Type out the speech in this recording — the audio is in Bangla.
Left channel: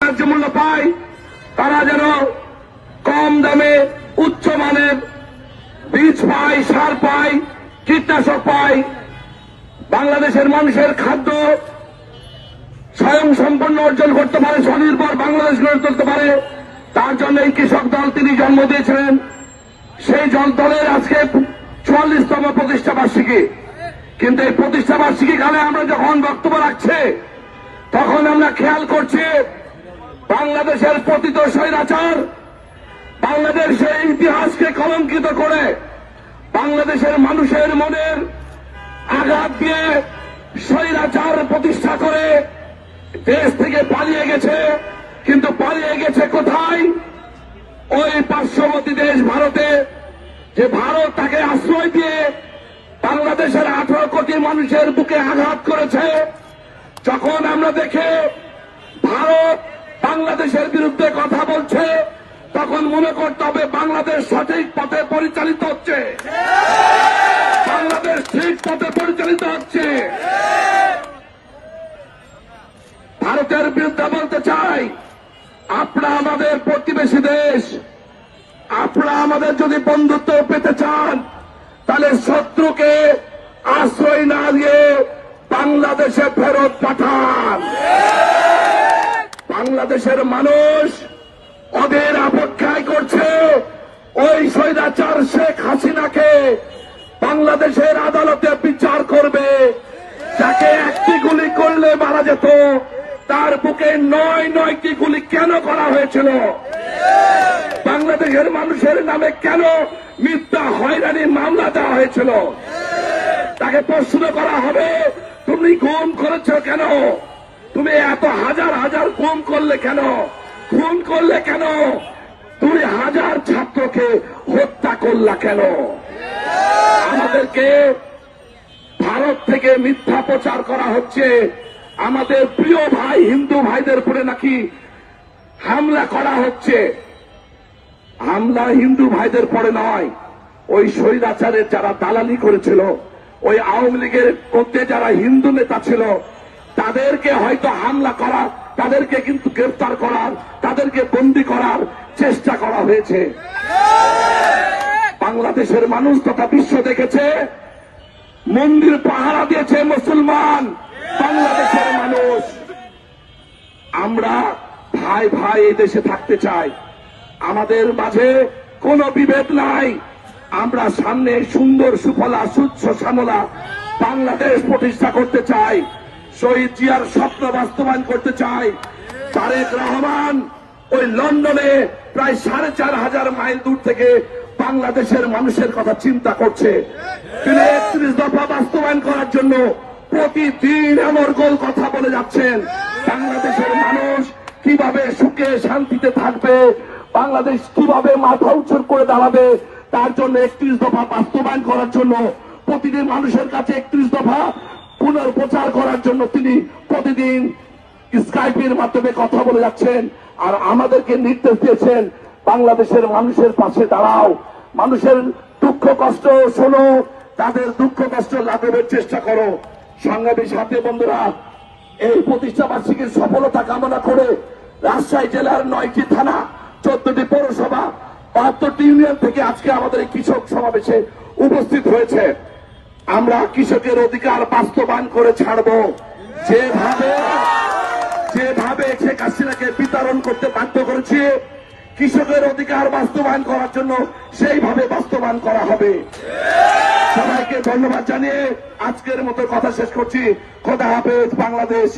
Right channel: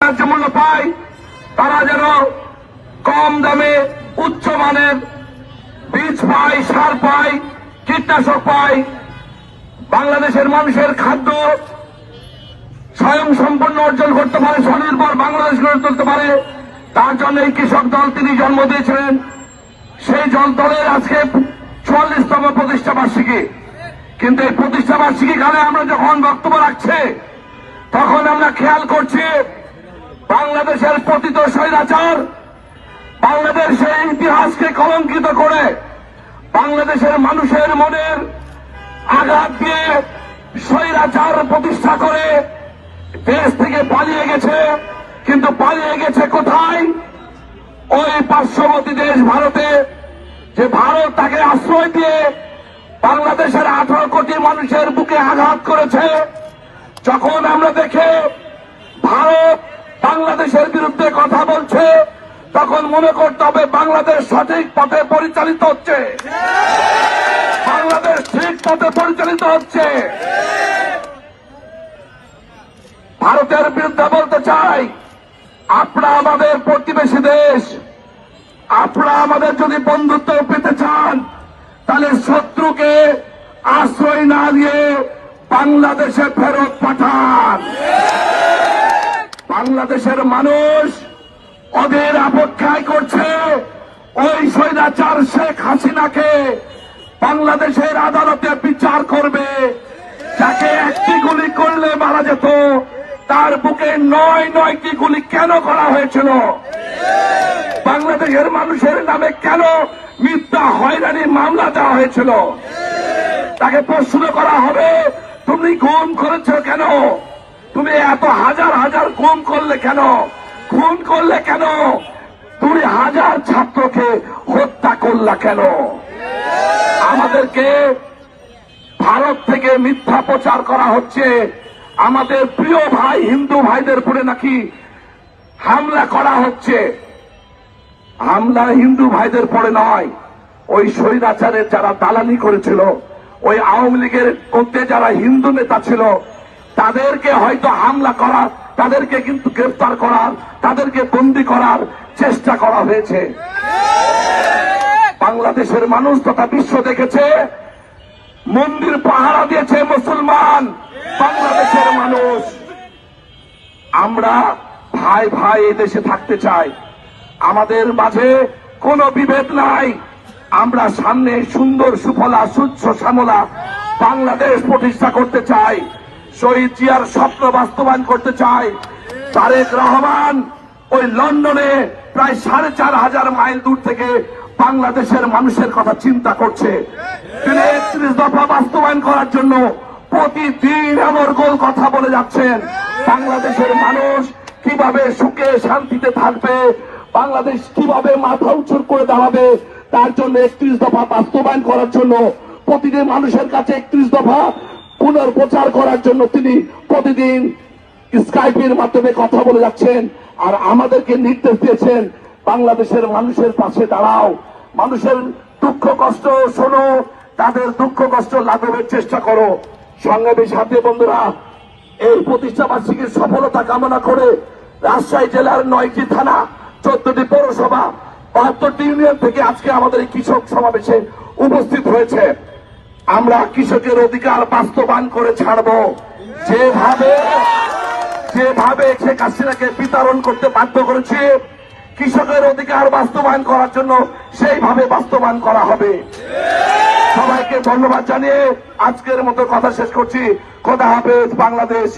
ন্যায্য মূল্য পায়, তারা যেন কম দামে উচ্চমানের বীজ পায়, সার পায়, কীটনাশক পায়, বাংলাদেশের মানুষের খাদ্য স্বয়ং সম্পন্ন অর্জন করতে পারে, স্বনির্ভর বাংলাদেশ গড়ে তুলতে পারে। তার জন্য এই কৃষক দল তিনি জন্ম দিয়েছিলেন। সেই দলের আজকে ৪৪তম প্রতিষ্ঠা বার্ষিকী। কিন্তু এই প্রতিষ্ঠা বার্ষিকী কালে আমরা যখন বক্তব্য রাখছে, তখন আমরা খেয়াল করছি বাংলাদেশের পতিত স্বৈরাচার বাংলাদেশের ইতিহাসকে কলঙ্কিত করে বাংলাদেশের মানুষের মনের আঘাত দিয়ে স্বৈরাচার প্রতিষ্ঠা করে দেশ থেকে পালিয়ে গেছে। কিন্তু পালিয়ে গেছে কোথায়? ওই পার্শ্ববর্তী দেশ ভারতে, যে ভারত তাকে আশ্রয় দিয়ে বাংলাদেশের 18 কোটি মানুষের বুকে আঘাত করেছে। যখন আমরা দেখে ভারত বাংলাদেশের বিরুদ্ধে কথা বলছে, তখন মনে করতে হবে বাংলাদেশ সঠিক পথে পরিচালিত হচ্ছে, বাংলাদেশ ঠিক পথে পরিচালিত হচ্ছে। ভারতের বিরুদ্ধে বলতে চাই, আপনারা আমাদের প্রতিবেশী দেশ, আপনারা আমাদের যদি বন্ধুত্ব পেতে চান, তাহলে শত্রুকে আশ্রয় না দিয়ে বাংলাদেশে ফেরত পাঠান। বাংলাদেশের মানুষ ওদের অপেক্ষায় করছে ওই স্বৈরাচার শেখ হাসিনাকে বাংলাদেশের আদালতে বিচার করবে। যাকে একটি গুলি করলে মারা যেত, তার বুকে ৯টি গুলি কেন করা হয়েছিল? বাংলাদেশের মানুষের নামে কেন মিথ্যা হয়রানির মামলা দেওয়া হয়েছিল? তাকে প্রশ্ন করা হবে, তুমি খুন করেছ কেন? তুমি এত হাজার হাজার খুন করলে কেন? খুন করলে কেন? ২০০০ ছাত্রকে হত্যা করলা কেন? আমাদেরকে ভারত থেকে মিথ্যা প্রচার করা হচ্ছে আমাদের প্রিয় ভাই হিন্দু ভাইদের উপরে নাকি হামলা করা হচ্ছে। হামলা হিন্দু ভাইদের পরে নয়, ওই স্বৈরাচারের যারা দালালি করেছিল, ওই আওয়ামী লীগের মধ্যে যারা হিন্দু নেতা ছিল, তাদেরকে হয়তো হামলা করা, তাদেরকে কিন্তু গ্রেফতার করার, তাদেরকে বন্দী করার চেষ্টা করা হয়েছে। বাংলাদেশের মানুষ তথা বিশ্ব দেখেছে, মন্দির পাহারা দিয়েছে মুসলমান বাংলাদেশের মানুষ। আমরা ভাই ভাই দেশে থাকতে চাই, আমাদের মাঝে কোনো বিভেদ নাই। আমরা সামনে সুন্দর সুফলা সুচ্ছ শ্যামলা বাংলাদেশ প্রতিষ্ঠা করতে চাই, শহীদ জিয়ার স্বপ্ন বাস্তবায়ন করতে চাই। তারেক রহমান ওই লন্ডনে প্রায় ৪৫০০ মাইল দূর থেকে বাংলাদেশের মানুষের কথা চিন্তা করছে। তিনি ৩১ দফা বাস্তবায়ন করার জন্য প্রতিদিন অনর্গল কথা বলে যাচ্ছেন। বাংলাদেশের মানুষ কিভাবে সুখে শান্তিতে থাকবে, বাংলাদেশ কিভাবে মাথা উঁচু করে দাঁড়াবে, তার জন্য ৩১ দফা বাস্তবায়ন করার জন্য প্রতিদিন মানুষের কাছে ৩১ দফা পুনর্প্রচার করার জন্য তিনি প্রতিদিন স্কাইপের মাধ্যমে কথা বলে যাচ্ছেন। আর আমাদেরকে নির্দেশ দিয়েছেন, বাংলাদেশের মানুষের পাশে দাঁড়াও, মানুষের দুঃখ কষ্ট শোনো, তাদের দুঃখ কষ্ট লাঘবের চেষ্টা করো। সংগ্রামী সাথী বন্ধুরা, এই প্রতিষ্ঠা বার্ষিকীর সফলতা কামনা করে রাজশাহী জেলার ৯টি থানা, ১৪টি পৌরসভা, ৭২টি ইউনিয়ন থেকে আজকে আমাদের এই কৃষক সমাবেশে উপস্থিত হয়েছে। আমরা কৃষকের অধিকার বাস্তবায়ন করে ছাড়ব। যেভাবে শেখ হাসিনাকে বিতরণ করতে বাধ্য করেছে, কৃষকের অধিকার বাস্তবায়ন করার জন্য সেইভাবে বাস্তবায়ন করা হবে। সবাইকে ধন্যবাদ জানিয়ে আজকের মতো কথা শেষ করছি। খোদা হাফেজ। বাংলাদেশ।